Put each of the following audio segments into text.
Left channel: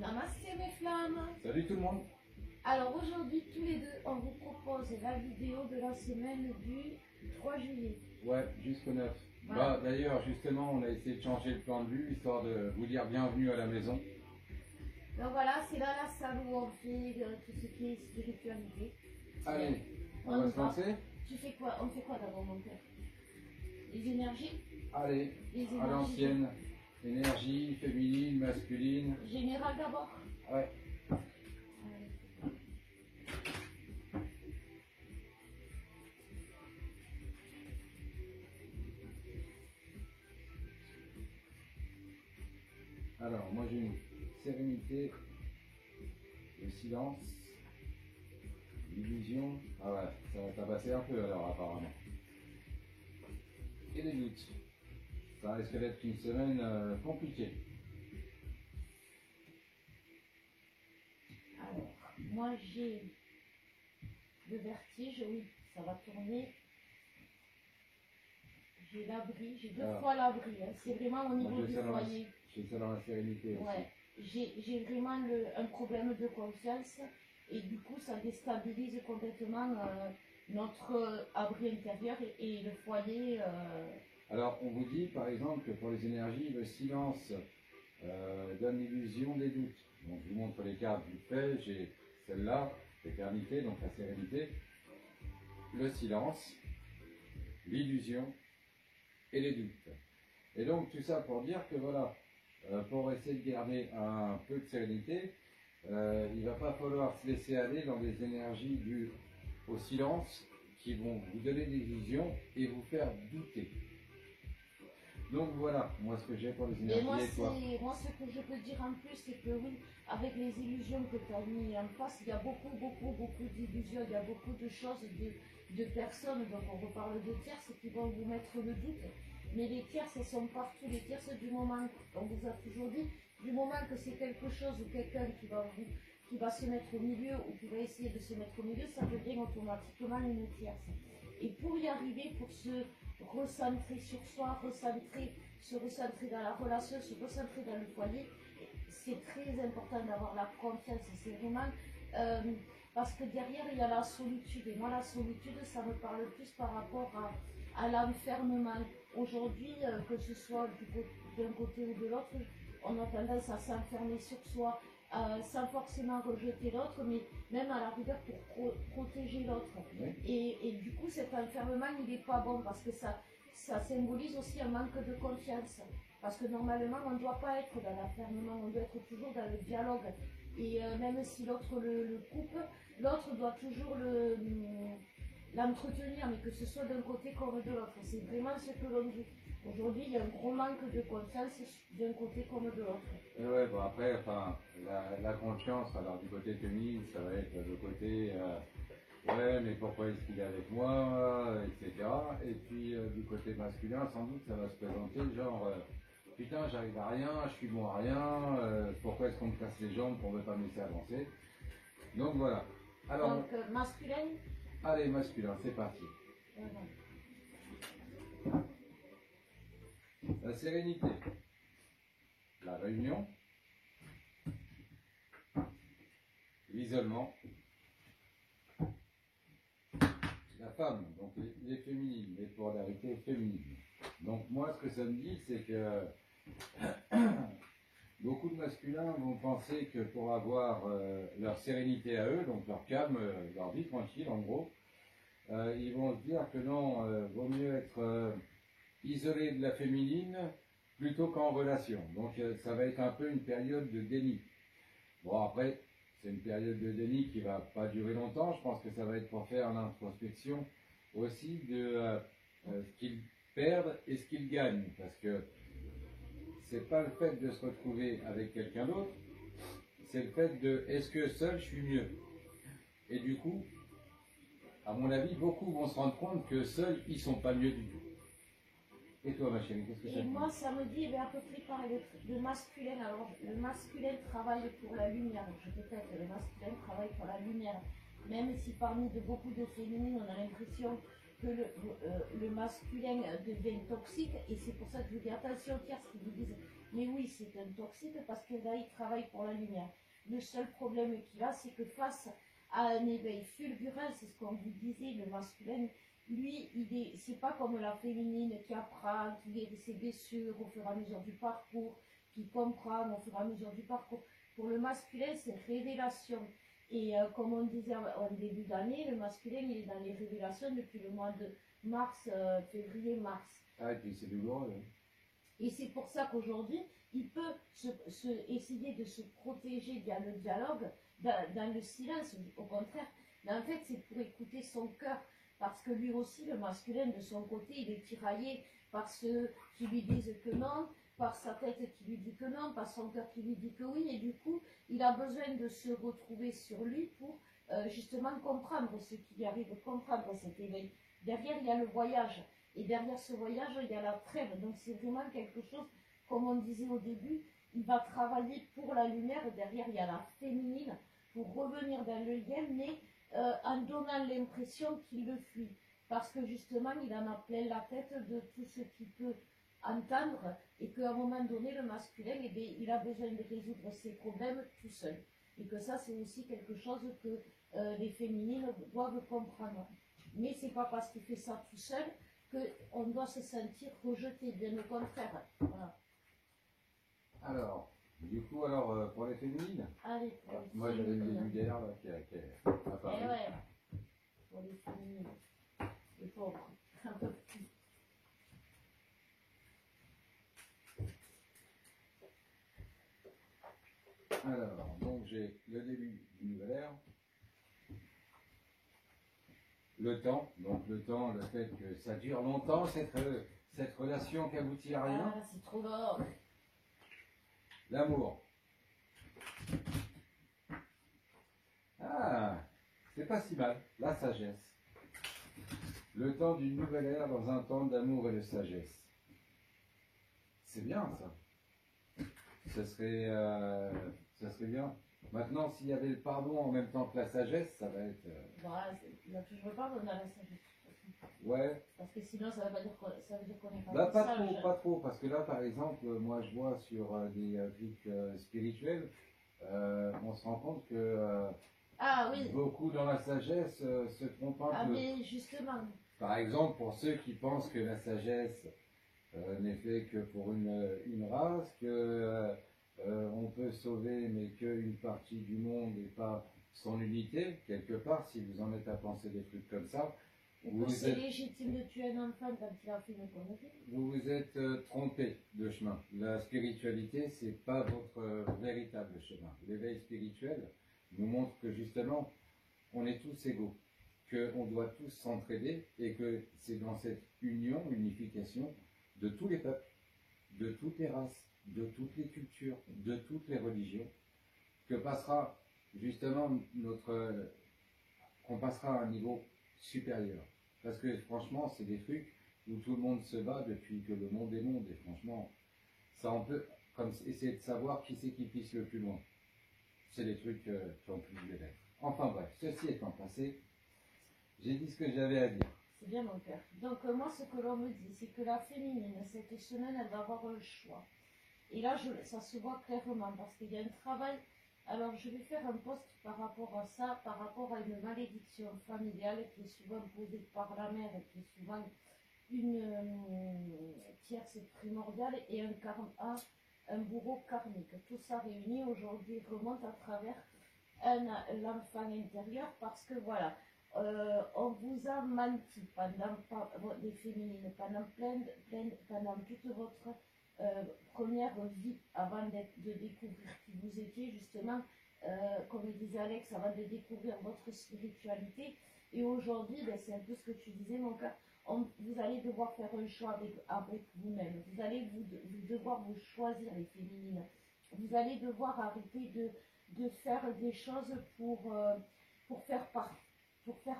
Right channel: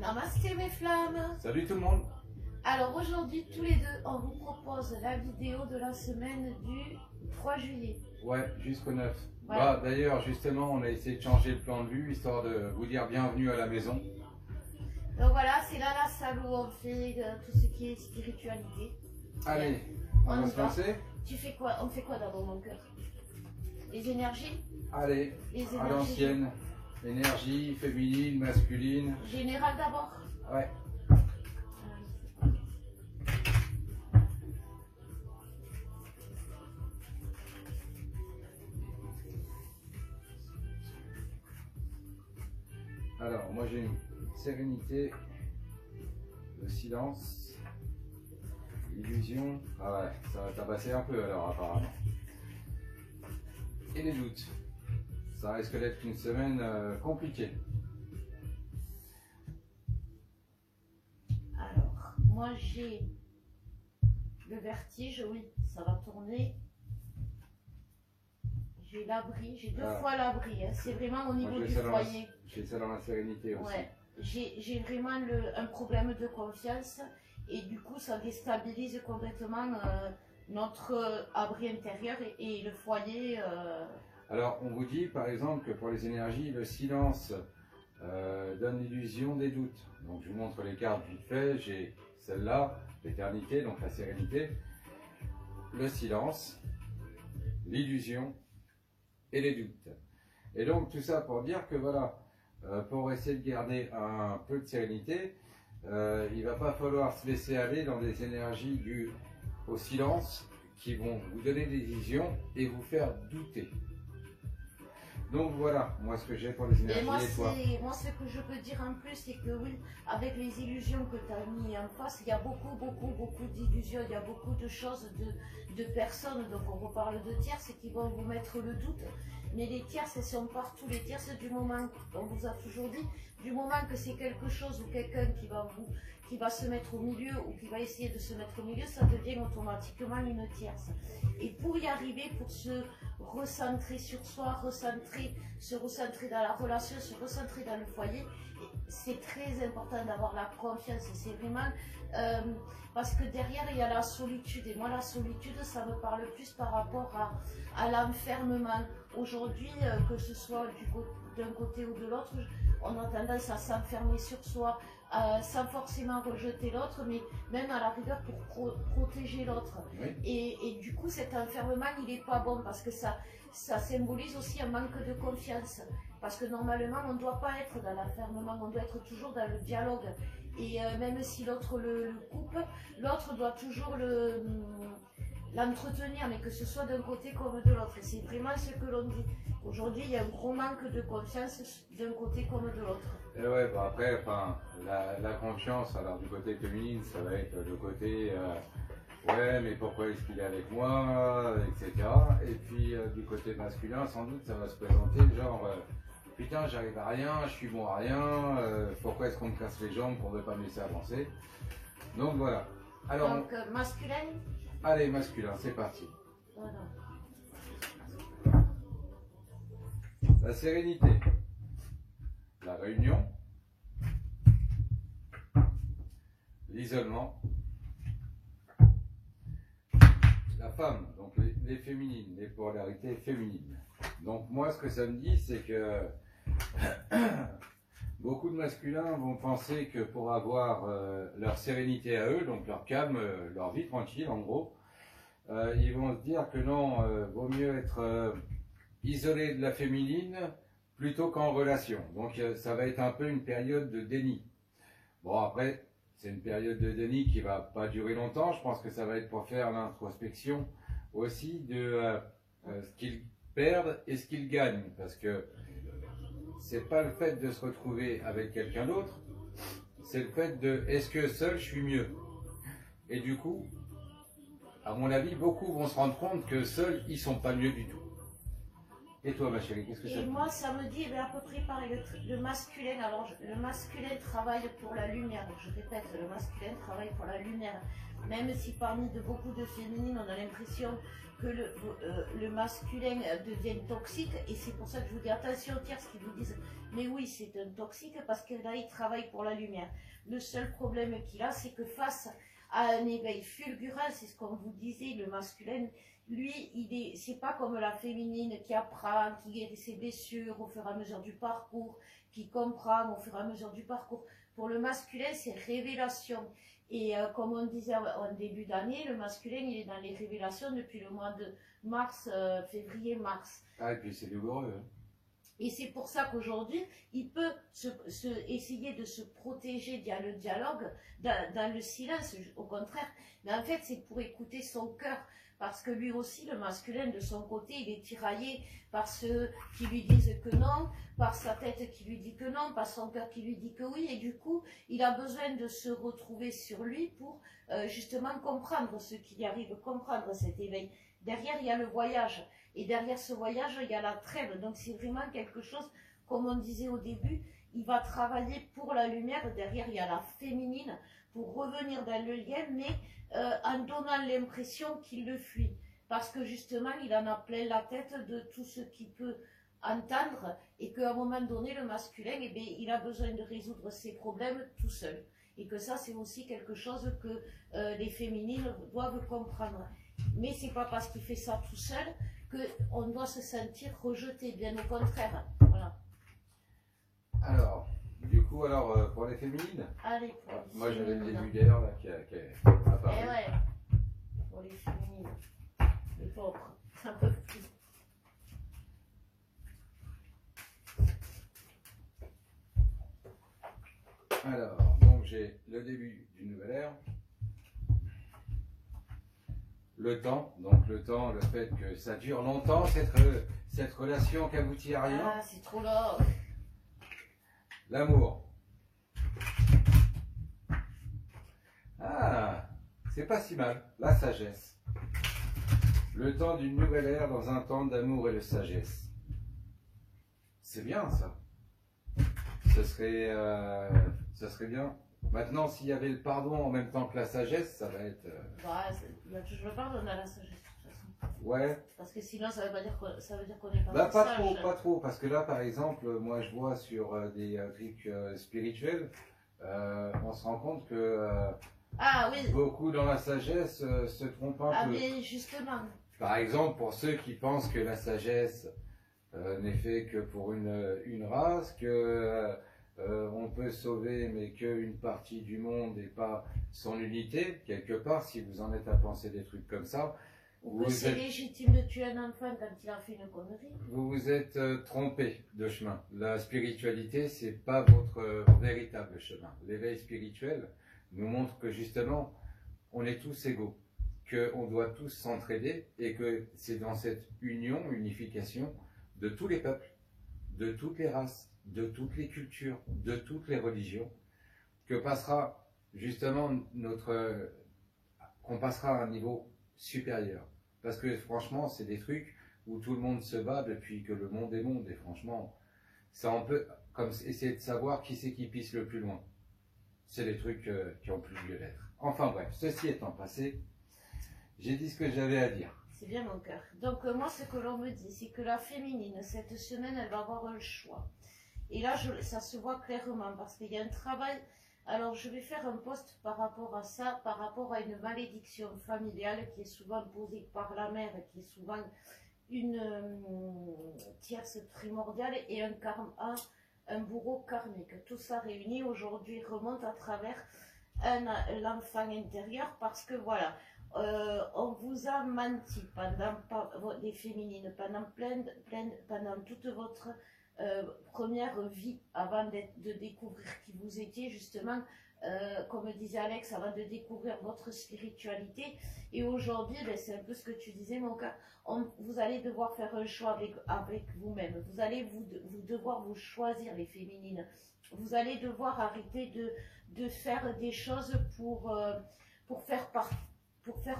Namasté mes flammes. Salut tout le monde. Alors aujourd'hui, tous les deux, on vous propose la vidéo de la semaine du 3 juillet. Ouais, jusqu'au 9. Voilà. Bah, d'ailleurs, justement, on a essayé de changer le plan de vue, histoire de vous dire bienvenue à la maison. Donc voilà, c'est là la salle où on fait tout ce qui est spiritualité. Allez, On on va y se va. lancer. Tu fais quoi? On fait quoi d'abord, mon cœur? Les énergies? Allez, Les à énergies l'ancienne. Énergie féminine, masculine. générales d'abord? Ouais. Alors, moi j'ai une sérénité, le silence, l'illusion. Ah ouais, ça va tabasser un peu alors apparemment. Et les doutes. Ça risque d'être une semaine compliquée. Alors, moi j'ai le vertige, oui, ça va tourner. J'ai l'abri, j'ai deux fois l'abri, hein. C'est vraiment au niveau du foyer. J'ai ça dans la sérénité aussi. Ouais, j'ai vraiment un problème de confiance et du coup ça déstabilise complètement notre abri intérieur et le foyer. Alors on vous dit par exemple que pour les énergies, le silence donne l'illusion des doutes. Donc je vous montre les cartes vite fait. J'ai celle-là, l'éternité, donc la sérénité, le silence, l'illusion et les doutes. Et donc tout ça pour dire que voilà, pour essayer de garder un peu de sérénité, il ne va pas falloir se laisser aller dans des énergies dues au silence qui vont vous donner des illusions et vous faire douter. Donc voilà, moi ce que j'ai pour les énergies et toi. Moi ce que je peux dire en plus, c'est que oui, avec les illusions que tu as mis en face, il y a beaucoup d'illusions, il y a beaucoup de choses, de personnes, donc on reparle de tierces qui vont vous mettre le doute. Mais les tierces, elles sont partout, les tierces du moment, on vous a toujours dit, du moment que c'est quelque chose ou quelqu'un qui va se mettre au milieu ou qui va essayer de se mettre au milieu, ça devient automatiquement une tierce. Et pour y arriver, pour se recentrer sur soi, se recentrer dans la relation, se recentrer dans le foyer, c'est très important d'avoir la confiance. Et c'est vraiment parce que derrière il y a la solitude. Et moi la solitude, ça me parle plus par rapport à l'enfermement. Aujourd'hui, que ce soit d'un côté ou de l'autre, on a tendance à s'enfermer sur soi, sans forcément rejeter l'autre, mais même à la rigueur pour protéger l'autre. Oui. Et du coup, cet enfermement, il n'est pas bon parce que ça symbolise aussi un manque de confiance. Parce que normalement, on ne doit pas être dans l'enfermement, on doit être toujours dans le dialogue. Et même si l'autre le coupe, l'autre doit toujours l'entretenir, mais que ce soit d'un côté comme de l'autre. C'est vraiment ce que l'on dit. Aujourd'hui, il y a un gros manque de confiance d'un côté comme de l'autre. Et ouais, bon après, enfin, la confiance, alors du côté féminin, ça va être le côté ouais, mais pourquoi est-ce qu'il est avec moi, etc. Et puis du côté masculin, sans doute, ça va se présenter genre putain, j'arrive à rien, je suis bon à rien, pourquoi est-ce qu'on me casse les jambes pour ne pas me laisser avancer. Donc voilà. Alors, donc masculin. Allez, masculin, c'est parti. Voilà. La sérénité, la réunion, l'isolement, la femme, donc les féminines, les polarités féminines. Donc moi, ce que ça me dit, c'est que beaucoup de masculins vont penser que pour avoir leur sérénité à eux, donc leur calme, leur vie tranquille en gros, ils vont se dire que non, vaut mieux être isolé de la féminine plutôt qu'en relation. Donc ça va être un peu une période de déni. Bon après, c'est une période de déni qui va pas durer longtemps. Je pense que ça va être pour faire l'introspection aussi de ce qu'ils perdent et ce qu'ils gagnent. Parce que c'est pas le fait de se retrouver avec quelqu'un d'autre, c'est le fait de est-ce que seul je suis mieux. Et du coup, à mon avis, beaucoup vont se rendre compte que seuls ils sont pas mieux du tout. Et toi, ma chérie, qu'est-ce que ça te dit? Et moi, ça me dit à peu près pareil. Le masculin, alors le masculin travaille pour la lumière. Je répète, le masculin travaille pour la lumière. Même si parmi beaucoup de féminines, on a l'impression que le masculin devient toxique, et c'est pour ça que je vous dis attention aux tierces qui vous disent mais oui c'est un toxique parce que là il travaille pour la lumière. Le seul problème qu'il a, c'est que face à un éveil fulgurant, c'est ce qu'on vous disait, le masculin, lui, c'est pas comme la féminine qui apprend, qui guérit ses blessures au fur et à mesure du parcours, qui comprend au fur et à mesure du parcours. Pour le masculin, c'est révélation. Et comme on disait en début d'année, le masculin, il est dans les révélations depuis le mois de mars, février-mars. Ah, et puis c'est douloureux. Hein. Et c'est pour ça qu'aujourd'hui, il peut essayer de se protéger via le dialogue, dans le silence, au contraire. Mais en fait, c'est pour écouter son cœur. Parce que lui aussi, le masculin, de son côté, il est tiraillé par ceux qui lui disent que non, par sa tête qui lui dit que non, par son cœur qui lui dit que oui. Et du coup, il a besoin de se retrouver sur lui pour justement comprendre ce qui lui arrive, comprendre cet éveil. Derrière, il y a le voyage. Et derrière ce voyage, il y a la trêve. Donc c'est vraiment quelque chose, comme on disait au début, il va travailler pour la lumière. Derrière, il y a la féminine pour revenir dans le lien, mais en donnant l'impression qu'il le fuit. Parce que justement, il en a plein la tête de tout ce qu'il peut entendre et qu'à un moment donné, le masculin, eh bien, il a besoin de résoudre ses problèmes tout seul. Et que ça, c'est aussi quelque chose que les féminines doivent comprendre. Mais c'est pas parce qu'il fait ça tout seul qu'on doit se sentir rejeté, bien au contraire. Voilà. Alors, du coup, pour les féminines, allez, pour les moi j'avais le féminines. début d'air là qui est apparu. Eh ouais, pour les féminines, les pauvres, un peu plus. Alors, donc j'ai le début d'une nouvelle ère. Le temps, le fait que ça dure longtemps, cette relation qui aboutit à rien. Ah, c'est trop long. L'amour. Ah, c'est pas si mal. La sagesse. Le temps d'une nouvelle ère dans un temps d'amour et de sagesse. C'est bien ça. Ce serait bien. Maintenant, s'il y avait le pardon en même temps que la sagesse, ça va être... Bah, il y a toujours le pardon dans la sagesse, de toute façon. Ouais. Parce que sinon, ça veut dire qu'on n'est pas Bah, pas sage. trop, pas trop. Parce que là, par exemple, moi, je vois sur des trucs spirituels, on se rend compte que Ah oui. beaucoup dans la sagesse se trompent un Ah peu. mais justement. Par exemple, pour ceux qui pensent que la sagesse n'est fait que pour une race, que on peut sauver mais qu'une partie du monde et pas son unité, quelque part, si vous en êtes à penser des trucs comme ça, C'est légitime de tuer un enfant quand il a fait une connerie. vous vous êtes trompé de chemin. La spiritualité, c'est pas votre véritable chemin. L'éveil spirituel nous montre que justement, on est tous égaux, qu'on doit tous s'entraider et que c'est dans cette union, unification de tous les peuples, de toutes les races, de toutes les cultures, de toutes les religions, que passera justement qu'on passera à un niveau supérieur. Parce que franchement, c'est des trucs où tout le monde se bat depuis que le monde est monde. Et franchement, ça on peut comme essayer de savoir qui c'est qui pisse le plus loin. C'est des trucs qui ont plus lieu d'être. Enfin bref, ceci étant passé, j'ai dit ce que j'avais à dire. C'est bien mon cœur. Donc moi, ce que l'on me dit, c'est que la féminine, cette semaine, elle va avoir un choix. Et là, ça se voit clairement parce qu'il y a un travail. Alors, je vais faire un post par rapport à ça, par rapport à une malédiction familiale qui est souvent posée par la mère, qui est souvent une tierce primordiale et un bourreau karmique. Tout ça réuni aujourd'hui remonte à travers l'enfant intérieur parce que voilà, on vous a menti pendant les féminines, pendant toute votre première vie avant de découvrir qui vous étiez justement, comme disait Alex, avant de découvrir votre spiritualité. Et aujourd'hui, ben, c'est un peu ce que tu disais mon cœur, vous allez devoir faire un choix avec vous-même. Vous allez devoir vous choisir les féminines. Vous allez devoir arrêter de faire des choses pour faire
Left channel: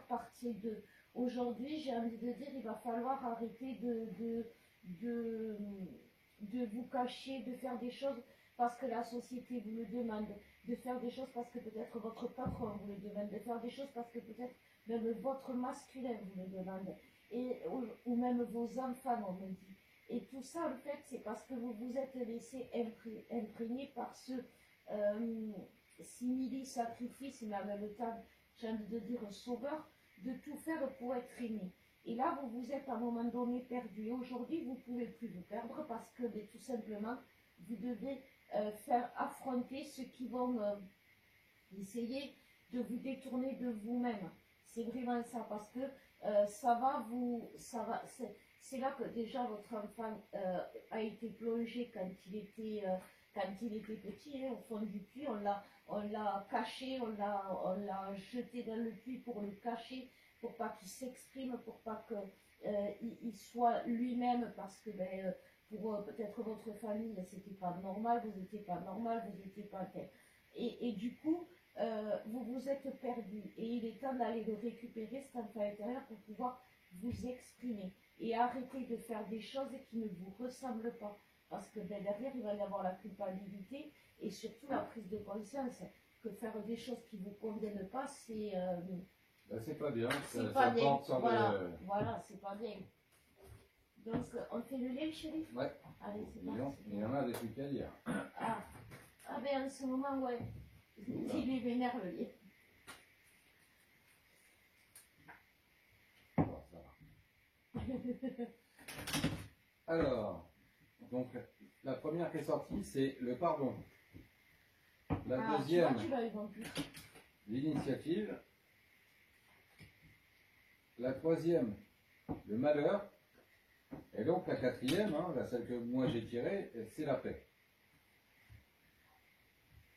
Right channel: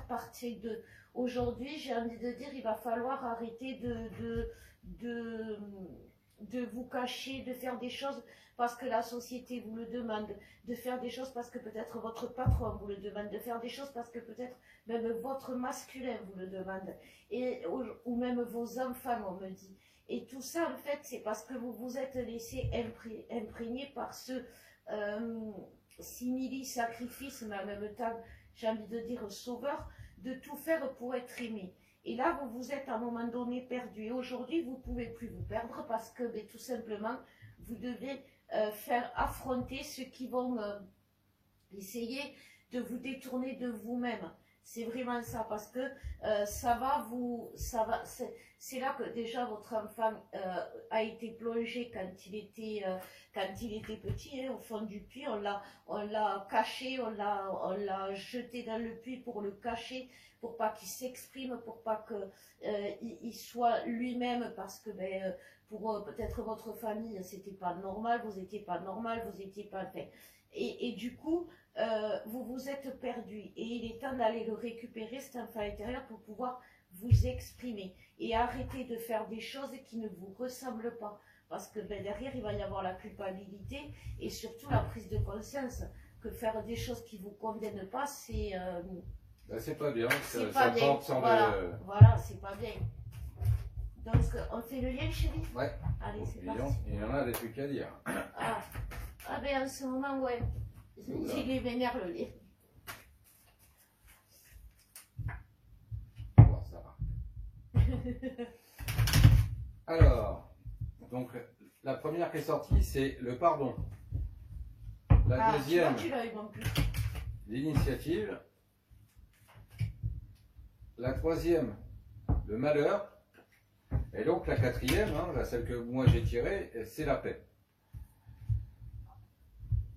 partie de... Aujourd'hui, j'ai envie de dire, il va falloir arrêter de vous cacher, de faire des choses parce que la société vous le demande, de faire des choses parce que peut-être votre patron vous le demande, de faire des choses parce que peut-être même votre masculin vous le demande, ou même vos enfants, on me dit. Et tout ça, en fait, c'est parce que vous vous êtes laissé imprégner par ce simili-sacrifice, mais en même temps, j'ai envie de dire sauveur, de tout faire pour être aimé. Et là, vous vous êtes à un moment donné perdu. Et aujourd'hui, vous ne pouvez plus vous perdre parce que tout simplement, vous devez faire affronter ceux qui vont essayer de vous détourner de vous-même. C'est vraiment ça, parce que c'est là que déjà votre enfant a été plongé quand il était petit, hein, au fond du puits. On l'a caché, on l'a jeté dans le puits pour le cacher, pour pas qu'il s'exprime, pour pas qu'il soit lui-même, parce que pour peut-être votre famille, c'était pas normal, vous n'étiez pas normal, vous n'étiez pas fait. Et du coup, vous vous êtes perdu, et il est temps d'aller le récupérer, cet enfant intérieur, pour pouvoir vous exprimer et arrêter de faire des choses qui ne vous ressemblent pas, parce que derrière il va y avoir la culpabilité et surtout la prise de conscience que faire des choses qui vous conviennent pas, c'est c'est pas bien, c'est pas bien. Voilà, c'est pas bien. Donc on fait le lien, chérie? Ouais. Allez, c'est parti. Il y en a des trucs à dire. Ben en ce moment, ouais. Il est vénère, le lait. Bon, ça va. Alors, donc la première qui est sortie, c'est le pardon. La deuxième, l'initiative. La troisième, le malheur. Et donc la quatrième, la celle que moi j'ai tirée, c'est la paix.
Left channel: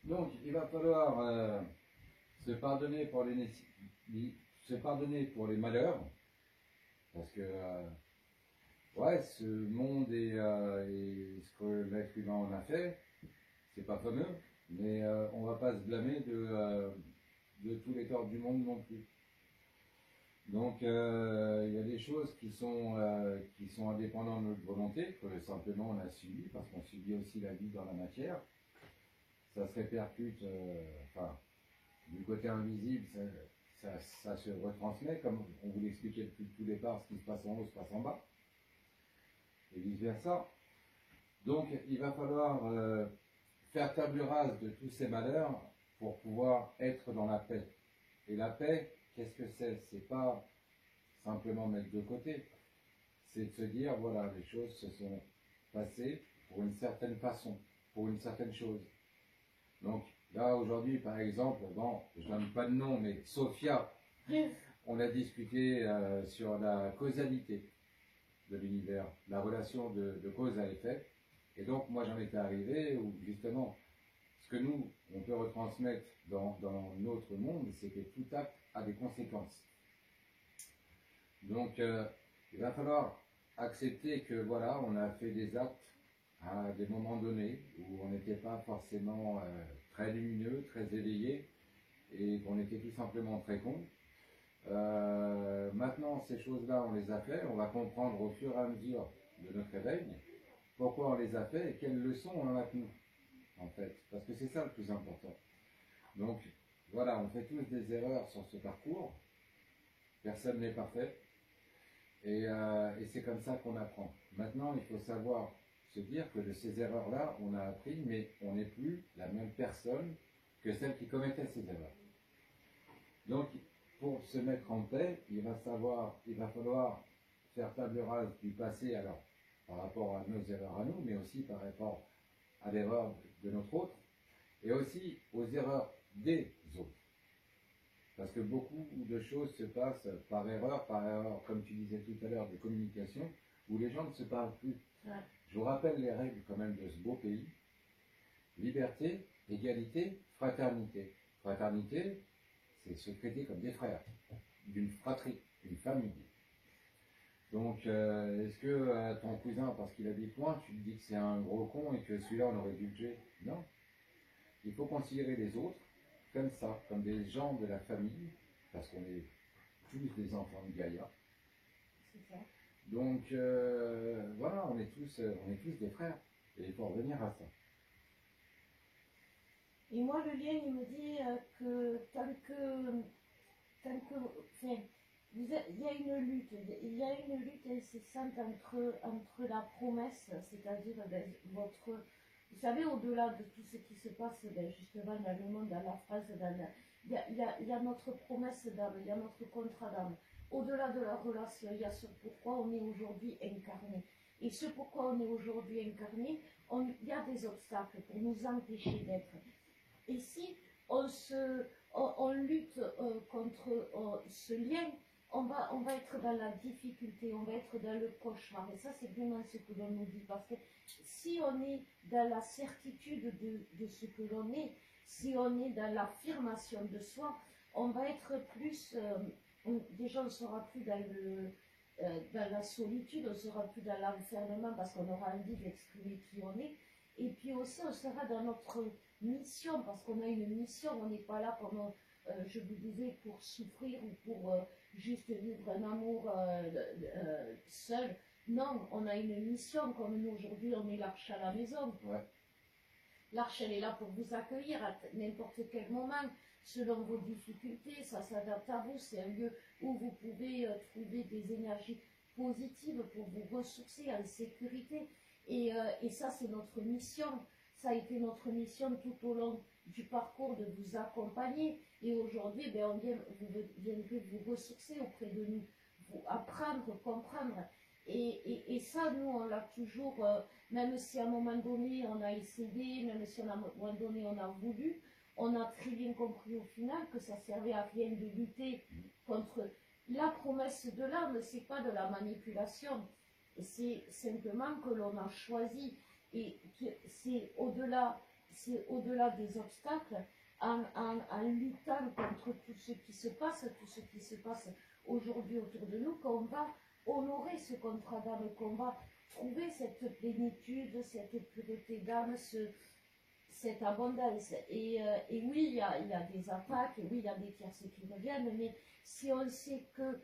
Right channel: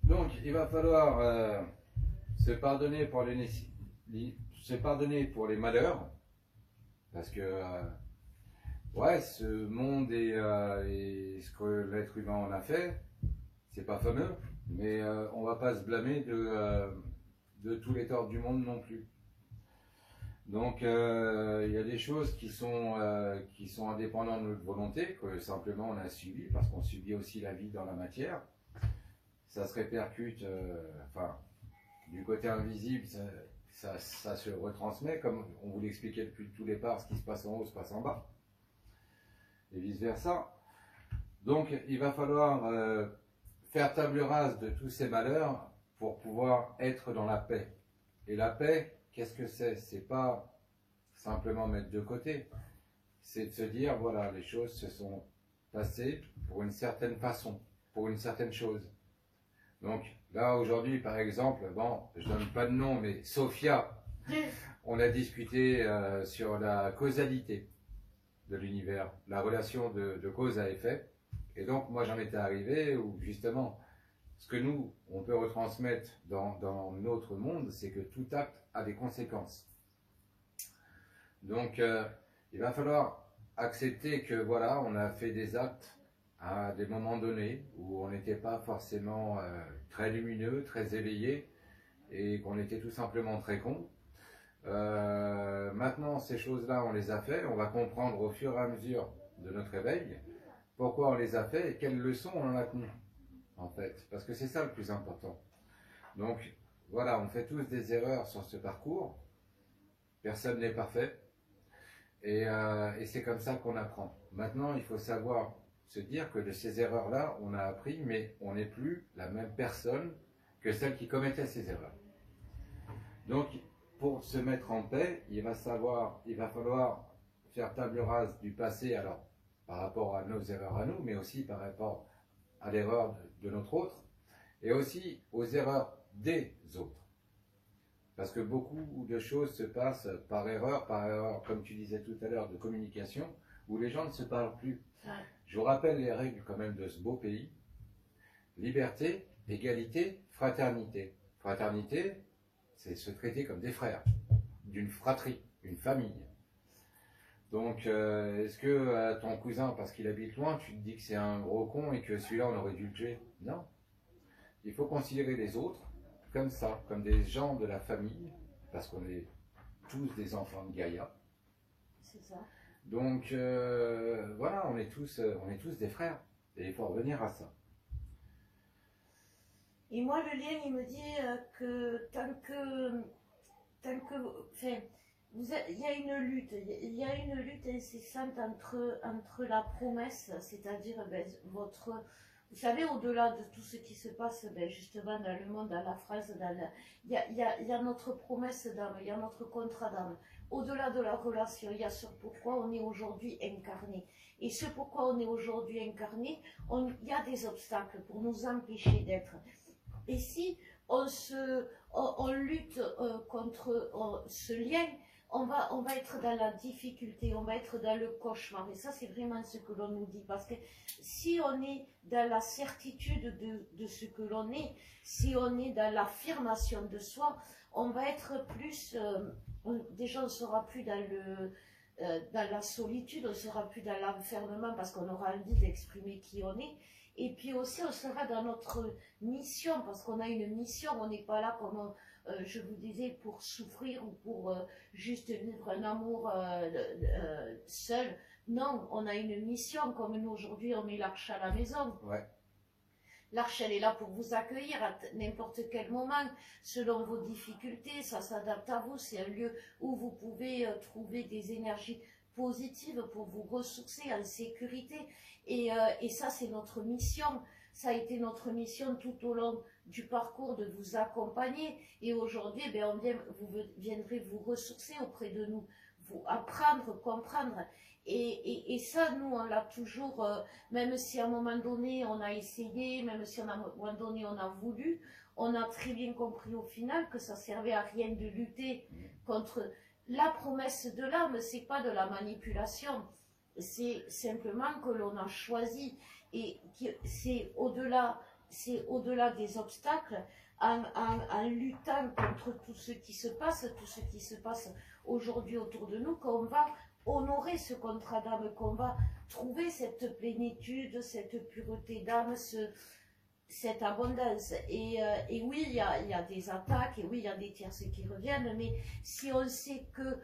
Donc il va falloir se pardonner pour les malheurs, parce que ouais, ce monde et ce que l'être humain en a fait, c'est pas fameux, mais on va pas se blâmer de tous les torts du monde non plus. Donc il y a des choses qui sont indépendantes de notre volonté, que simplement on a subi, parce qu'on subit aussi la vie dans la matière. Ça se répercute, du côté invisible, ça se retransmet, comme on vous l'expliquait depuis tout départ, ce qui se passe en haut se passe en bas, et vice versa. Donc il va falloir faire table rase de tous ces malheurs pour pouvoir être dans la paix. Et la paix, qu'est-ce que c'est? C'est pas simplement mettre de côté, c'est de se dire, voilà, les choses se sont passées pour une certaine façon, pour une certaine chose. Donc là aujourd'hui par exemple, bon, je donne pas de nom, mais Sophia, on a discuté sur la causalité de l'univers, la relation de cause à effet, et donc moi j'en étais arrivé où justement ce que nous on peut retransmettre dans notre monde, c'est que tout acte a des conséquences. Donc il va falloir accepter que voilà, on a fait des actes à des moments donnés où on n'était pas forcément très lumineux, très éveillé, et qu'on était tout simplement très con. Maintenant, ces choses-là, on les a fait, on va comprendre au fur et à mesure de notre éveil pourquoi on les a fait et quelles leçons on en a tenues, en fait, parce que c'est ça le plus important. Donc voilà, on fait tous des erreurs sur ce parcours, personne n'est parfait, et c'est comme ça qu'on apprend. Maintenant, il faut savoir se dire que de ces erreurs-là, on a appris, mais on n'est plus la même personne que celle qui commettait ces erreurs. Donc, pour se mettre en paix, il va falloir faire table rase du passé, alors par rapport à nos erreurs à nous, mais aussi par rapport à l'erreur de notre autre, et aussi aux erreurs des autres. Parce que beaucoup de choses se passent par erreur, comme tu disais tout à l'heure, de communication, où les gens ne se parlent plus. Ouais. Je vous rappelle les règles quand même de ce beau pays. Liberté, égalité, fraternité. Fraternité, c'est se traiter comme des frères, d'une fratrie, une famille. Donc, est-ce que ton cousin, parce qu'il habite loin, tu te dis que c'est un gros con et que celui-là, on aurait dû le tuer? Non. Il faut considérer les autres comme ça, comme des gens de la famille, parce qu'on est tous des enfants de Gaïa. C'est ça. Donc, voilà, on est tous des frères, et il faut revenir à ça. Et moi, le lien, il me dit que enfin, il y a une lutte, il y a une lutte incessante entre la promesse, c'est-à-dire ben, vous savez, au-delà de tout ce qui se passe ben, justement dans le monde, dans la France, il y a notre promesse d'âme, il y a notre contrat d'âme. Au-delà de la relation, il y a ce pourquoi on est aujourd'hui incarné. Et ce pourquoi on est aujourd'hui incarné, il y a des obstacles pour nous empêcher d'être. Et si on lutte contre ce lien, on va être dans la difficulté, on va être dans le cauchemar. Et ça, c'est vraiment ce que l'on nous dit. Parce que si on est dans la certitude de ce que l'on est, si on est dans l'affirmation de soi, on va être plus... déjà, on ne sera plus dans la solitude, on ne sera plus dans l'enfermement parce qu'on aura envie d'exprimer qui on est. Et puis aussi, on sera dans notre mission, parce qu'on a une mission, on n'est pas là, comme je vous disais, pour souffrir ou pour juste vivre un amour seul. Non, on a une mission, comme nous aujourd'hui, on met l'arche à la maison. Ouais. L'arche, elle est là pour vous accueillir à n'importe quel moment, selon vos difficultés, ça s'adapte à vous, c'est un lieu où vous pouvez trouver des énergies positives pour vous ressourcer en sécurité. Et ça, c'est notre mission. Ça a été notre mission tout au long du parcours de vous accompagner. Et aujourd'hui, ben, vous viendrez vous ressourcer auprès de nous, vous apprendre, comprendre. Et ça, nous, on l'a toujours, même si à un moment donné, on a essayé, même si à un moment donné, on a voulu, on a très bien compris au final que ça servait à rien de lutter contre la promesse de l'âme. C'est pas de la manipulation. C'est simplement que l'on a choisi et c'est au-delà des obstacles en luttant contre tout ce qui se passe aujourd'hui autour de nous, qu'on va honorer ce contrat d'âme, qu'on va trouver cette plénitude, cette pureté d'âme, cette abondance. Et oui, il y a des attaques, et oui, il y a des tierces qui reviennent, mais si on sait que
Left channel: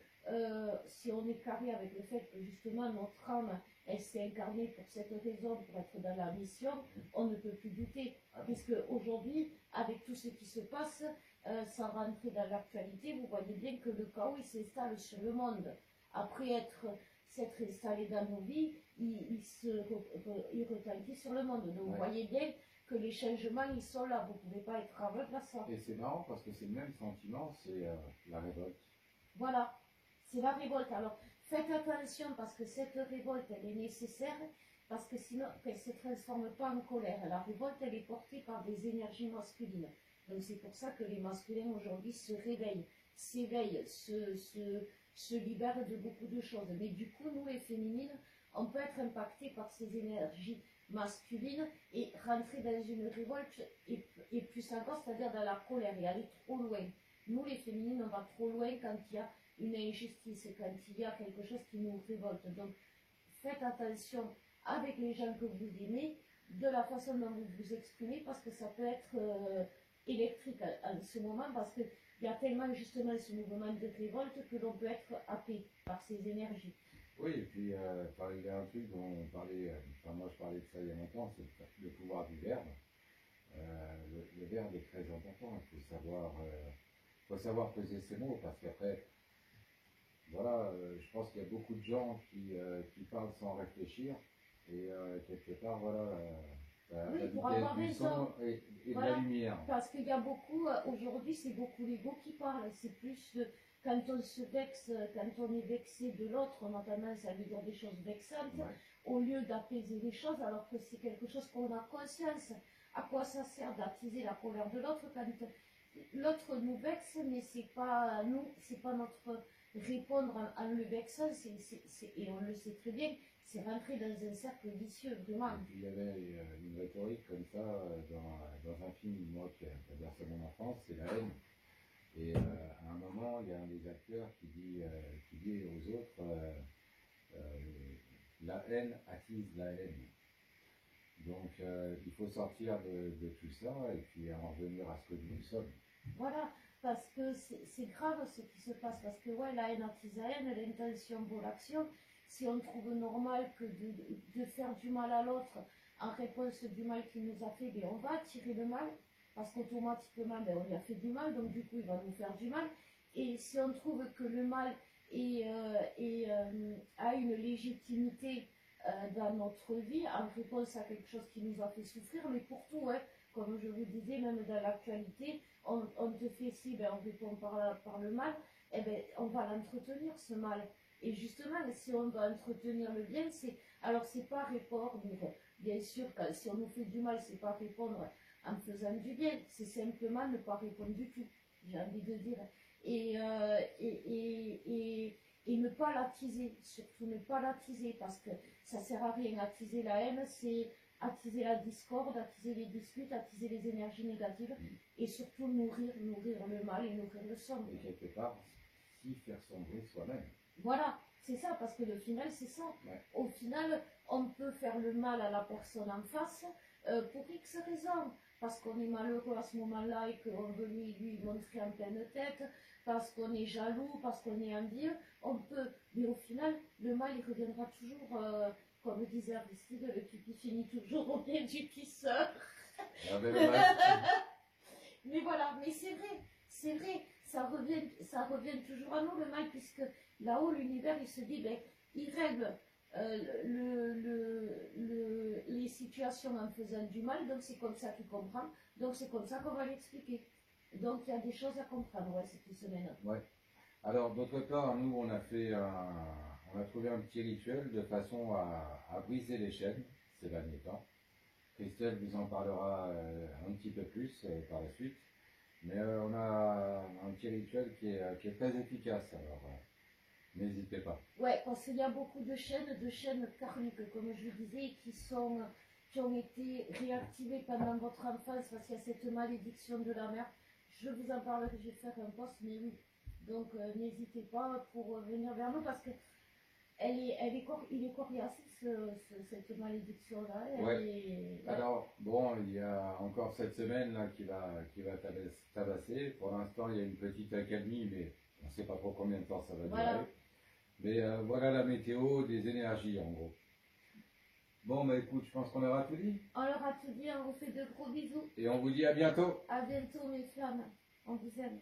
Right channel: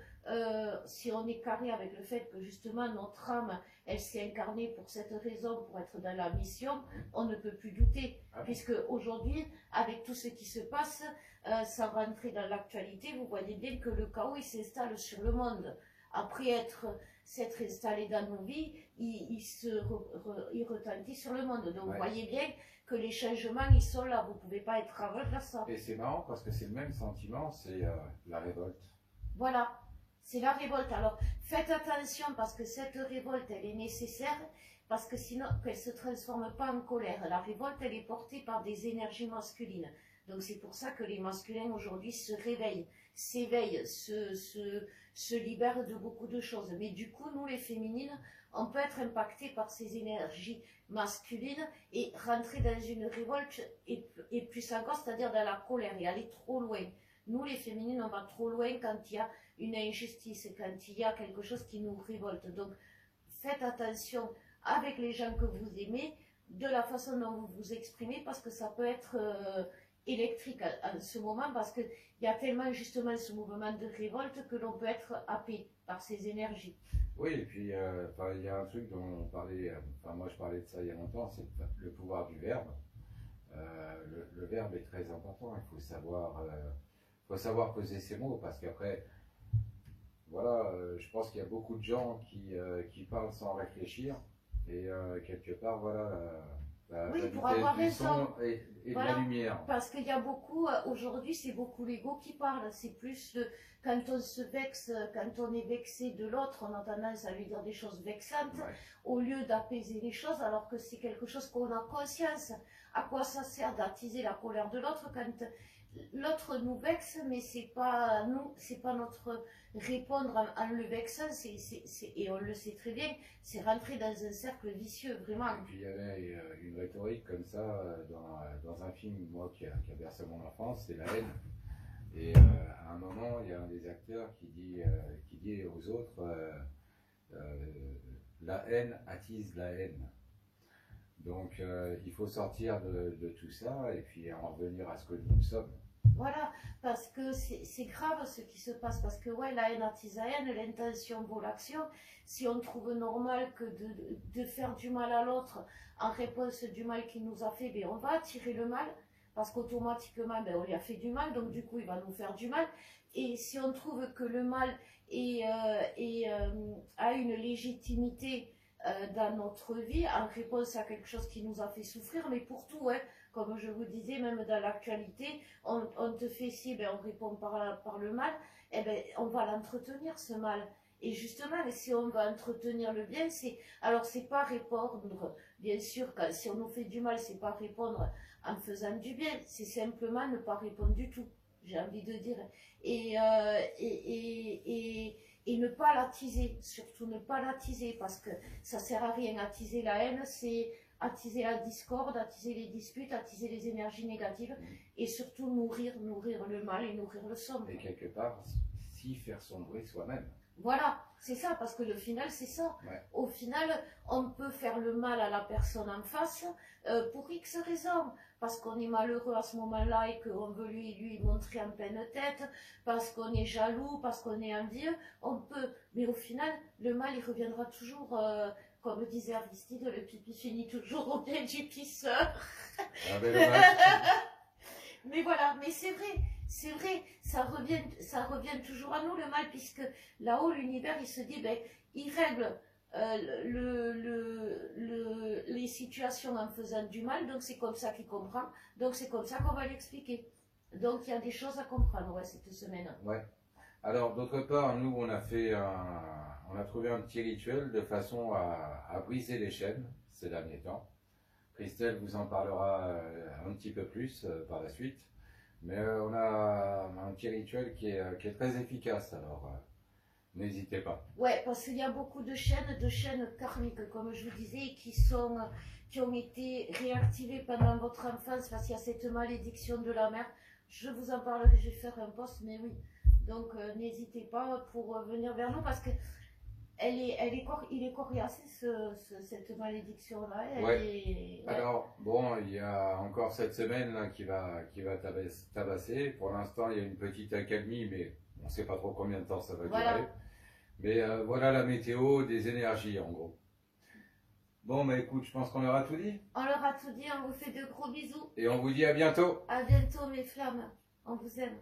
si on est carré avec le fait que justement notre âme, elle s'est incarnée pour cette raison, pour être dans la mission, on ne peut plus douter. Puisque aujourd'hui, avec tout ce qui se passe, sans rentrer dans l'actualité, vous voyez bien que le chaos, il s'installe sur le monde. Après s'être installé dans nos vies, il retentit sur le monde. Donc vous voyez bien que les changements, ils sont là. Vous ne pouvez pas être aveugle à ça. Et c'est marrant parce que c'est le même sentiment, c'est la révolte. Voilà. C'est la révolte. Alors, faites attention parce que cette révolte, elle est nécessaire parce que sinon, qu'elle ne se transforme pas en colère. La révolte, elle est portée par des énergies masculines. Donc, c'est pour ça que les masculins aujourd'hui se réveillent, s'éveillent, se libèrent de beaucoup de choses. Mais du coup, nous, les féminines, on peut être impactés par ces énergies masculines et rentrer dans une révolte et plus encore, c'est-à-dire dans la colère et aller trop loin. Nous, les féminines, on va trop loin quand il y a une injustice, quand il y a quelque chose qui nous révolte. Donc, faites attention avec les gens que vous aimez, de la façon dont vous vous exprimez, parce que ça peut être électrique en ce moment, parce qu'il y a tellement justement ce mouvement de révolte que l'on peut être happé par ces énergies. Oui, et puis il y a un truc dont on parlait, moi je parlais de ça il y a longtemps, c'est le pouvoir du verbe. Le verbe est très important, il faut savoir peser ses mots, parce qu'après, voilà, je pense qu'il y a beaucoup de gens qui parlent sans réfléchir, et quelque part, voilà, oui, pour avoir raison. Et voilà, de la lumière. Parce qu'il y a beaucoup, aujourd'hui, c'est beaucoup l'ego qui parle, c'est plus quand on se vexe, quand on est vexé de l'autre, on a tendance à lui dire des choses vexantes, au lieu d'apaiser les choses, alors que c'est quelque chose qu'on a conscience. À quoi ça sert d'attiser la colère de l'autre quand l'autre nous vexe, mais c'est pas nous, c'est pas notre répondre en le vexant, et on le sait très bien, c'est rentrer dans un cercle vicieux, vraiment. Et puis il y avait une rhétorique comme ça dans un film, moi, qui a bercé mon enfance, c'est la haine. Et à un moment, il y a un des acteurs qui dit aux autres, la haine attise la haine. Donc il faut sortir de tout ça et puis en revenir à ce que nous sommes. Voilà, parce que c'est grave ce qui se passe, parce que ouais, la haine attise la haine, l'intention vaut l'action. Si on trouve normal que de faire du mal à l'autre en réponse du mal qu'il nous a fait, ben on va attirer le mal. parce qu'automatiquement, ben, on lui a fait du mal, donc du coup, il va nous faire du mal. Et si on trouve que le mal a une légitimité dans notre vie, en réponse à quelque chose qui nous a fait souffrir, mais pour tout, hein, comme je vous disais, même dans l'actualité, on te fait ci, ben, on répond par le mal, eh ben, on va l'entretenir, ce mal. Et justement, si on va entretenir le bien, alors c'est pas répondre, bien sûr, si on nous fait du mal, c'est pas répondre en faisant du bien, c'est simplement ne pas répondre du tout, j'ai envie de dire. Et ne pas l'attiser, surtout ne pas l'attiser, parce que ça sert à rien. Attiser la haine, c'est attiser la discorde, attiser les disputes, attiser les énergies négatives, et surtout nourrir le mal et nourrir le sombre. Et quelque part, s'y faire sombrer soi-même. Voilà, c'est ça, parce que le final, c'est ça. Ouais. Au final, on peut faire le mal à la personne en face pour X raisons. Parce qu'on est malheureux à ce moment-là et qu'on veut lui montrer en pleine tête, parce qu'on est jaloux, parce qu'on est envieux, on peut. Mais au final, le mal, il reviendra toujours, comme disait Aristide, le pipi finit toujours au pied du pisseur. Ah ben, dommage. Mais voilà, mais c'est vrai, ça revient toujours à nous le mal, puisque là-haut, l'univers, il se dit, ben, il règle les situations en faisant du mal, donc c'est comme ça qu'il comprend, donc c'est comme ça qu'on va l'expliquer. Donc il y a des choses à comprendre, ouais, cette semaine. Ouais. Alors, d'autre part, nous, on a trouvé un petit rituel de façon à briser les chaînes ces derniers temps. Christelle vous en parlera un petit peu plus par la suite. Mais on a un petit rituel qui est très efficace, alors n'hésitez pas. Ouais, parce qu'il y a beaucoup de chaînes karmiques, comme je vous disais, qui ont été réactivées pendant votre enfance, parce qu'il y a cette malédiction de la mère. Je vous en parlerai, je vais faire un post, mais oui. Donc n'hésitez pas pour venir vers nous, parce que il est coriace, cette malédiction-là. Ouais. Alors, bon, il y a encore cette semaine là, qui va tabasser. Pour l'instant, il y a une petite accalmie, mais on ne sait pas trop combien de temps ça va durer. Mais voilà la météo des énergies, en gros. Bon, mais écoute, je pense qu'on leur a tout dit. On leur a tout dit, on vous fait de gros bisous. Et on vous dit à bientôt. À bientôt, mes flammes. On vous aime.